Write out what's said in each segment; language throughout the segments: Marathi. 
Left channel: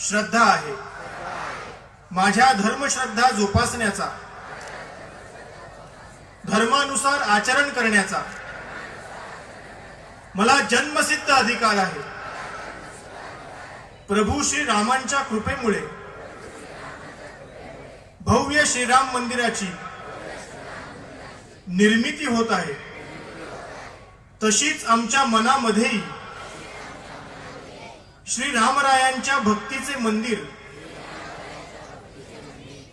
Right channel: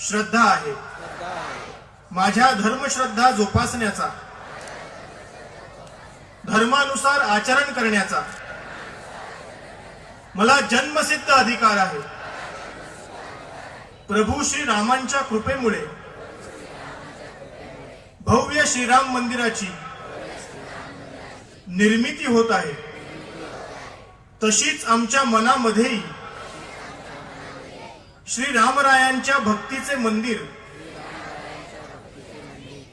श्रद्धा आहे. माझ्या धर्मश्रद्धा जोपासण्याचा धर्मानुसार आचरण करण्याचा मला जन्मसिद्ध अधिकार आहे. प्रभू श्री रामांच्या कृपेमुळे भव्य श्रीराम मंदिराची निर्मिती होत आहे. तशीच आमच्या मनामध्येही श्री रामरायांच्या भक्तीचे मंदिर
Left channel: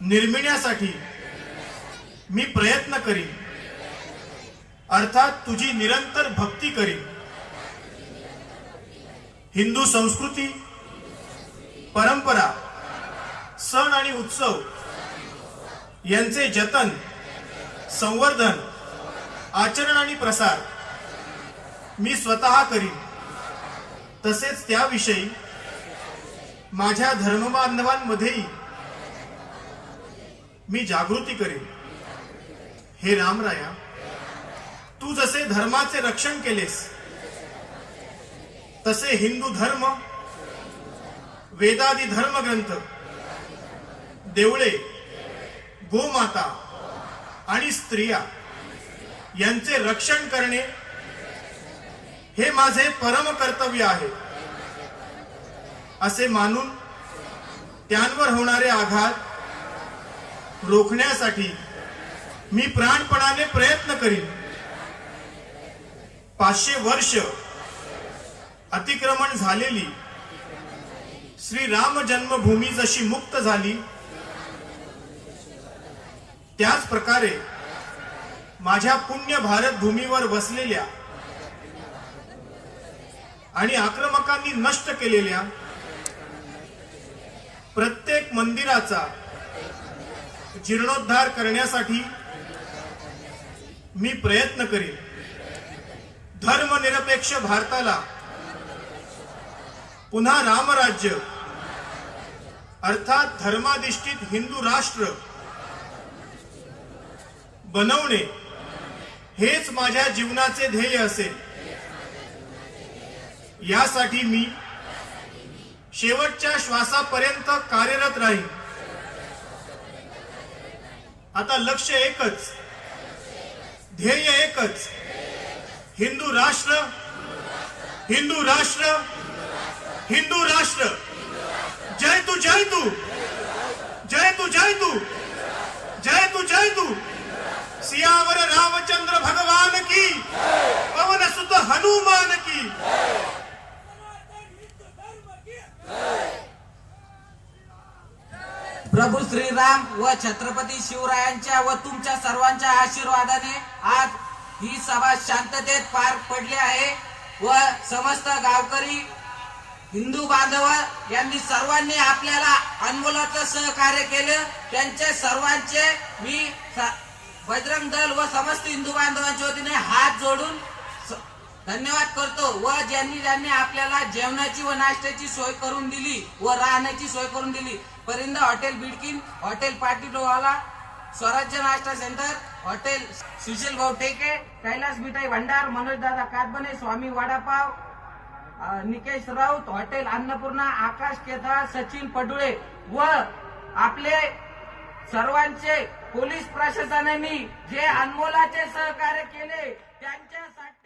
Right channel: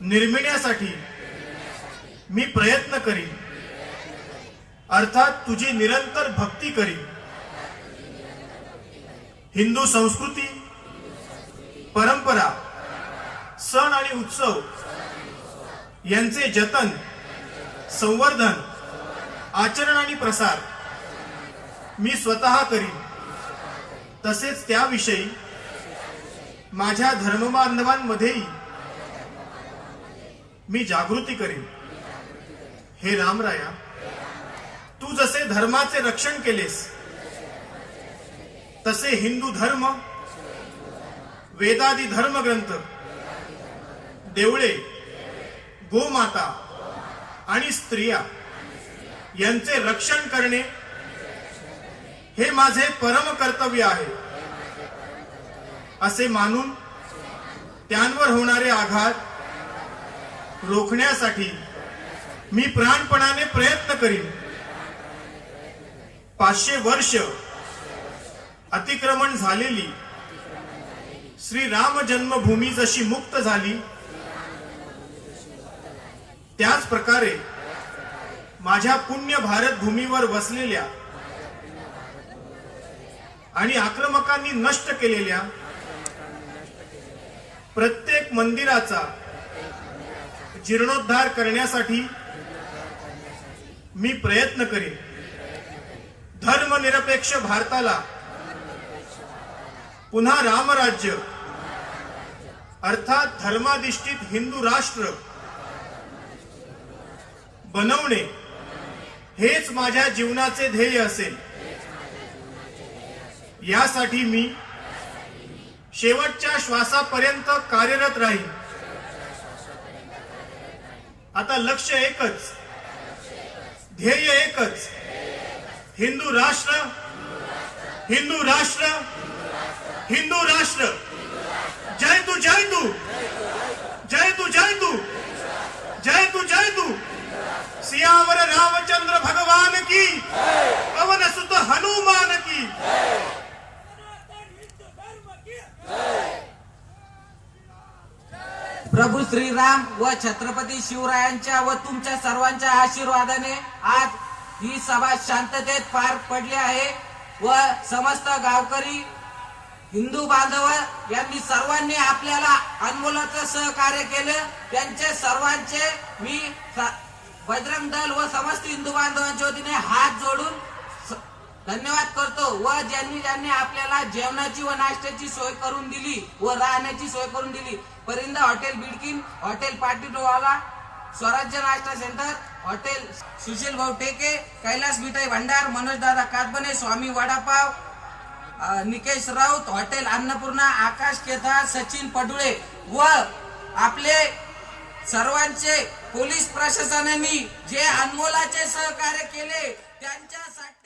निर्मिण्यासाठी मी प्रयत्न करीन. अर्थात तुझी निरंतर भक्ती करीन. हिंदू संस्कृती परंपरा सण आणि उत्सव यांचे जतन संवर्धन आचरण आणि प्रसार मी स्वतः करीन. तसेच त्याविषयी माझ्या धर्मबांधवांमध्येही मी जागृती करीन. हे रामराया तू जसे धर्माचे रक्षण केलेस तसे हिंदू धर्म वेदादी धर्मग्रंथ देवळे गोमाता आणि स्त्रिया यांचे रक्षण करणे हे माझे परम कर्तव्य आहे. असे मानून त्यांवर होणारे आघात रोखण्यासाठी मी प्राणपणाने प्रयत्न करीन. पाचशे वर्ष अतिक्रमण झालेली श्री राम जन्मभूमी जशी मुक्त झाली त्याच प्रकारे माझ्या पुण्य भारत भूमीवर वसलेल्या आणि आक्रमकांनी नष्ट केलेल्या प्रत्येक मंदिराचा जीर्णोद्धार करण्यासाठी मी प्रयत्न करेन. धर्मनिरपेक्ष भारताला पुन्हा रामराज्य अर्थात धर्माधिष्ठित हिंदू राष्ट्र बनवणे हेच माझ्या जीवनाचे ध्येय असेल. यासाठी मी शेवटच्या श्वासापर्यंत कार्यरत राहीन. आता लक्ष एकच. ध्येय एकच. हिंदू राष्ट्र हिंदू राष्ट्र हिंदू राष्ट्र. जय तू जय तू. जय तू जय तू. प्रभू श्रीराम व छत्रपती शिवरायांच्या व तुमच्या सर्वांच्या आशीर्वादाने आज ही सभा शांततेत पार पडली आहे व समस्त गावकरी हिंदू बांधव यांनी सर्वांनी आपल्याला अनमोलाचं सहकार्य केलं. त्यांचे सर्वांचे मी बजरंग दल व समस्त हिंदू बांधवांच्या वतीने हात जोडून स- धन्यवाद करतो व ज्यांनी ज्यांनी आपल्याला जेवणाची व नाश्त्याची सोय करून दिली व राहण्याची सोय करून दिली. परिंदा हॉटेल बिडकिन हॉटेल पाटीलवाला स्वराज्य नाश्ता सेंटर हॉटेल सुशील भाऊ टेके कैलास मिठाई भंडार मनोज दादा कातबने स्वामी वडापाव निकेश राऊत हॉटेल अन्नपूर्णा आकाश केदार सचिन पडुळे व आपले सर्वांचे पोलीस प्रशासनाने जे अनमोलाचे सहकार्य केले त्यांच्यासाठी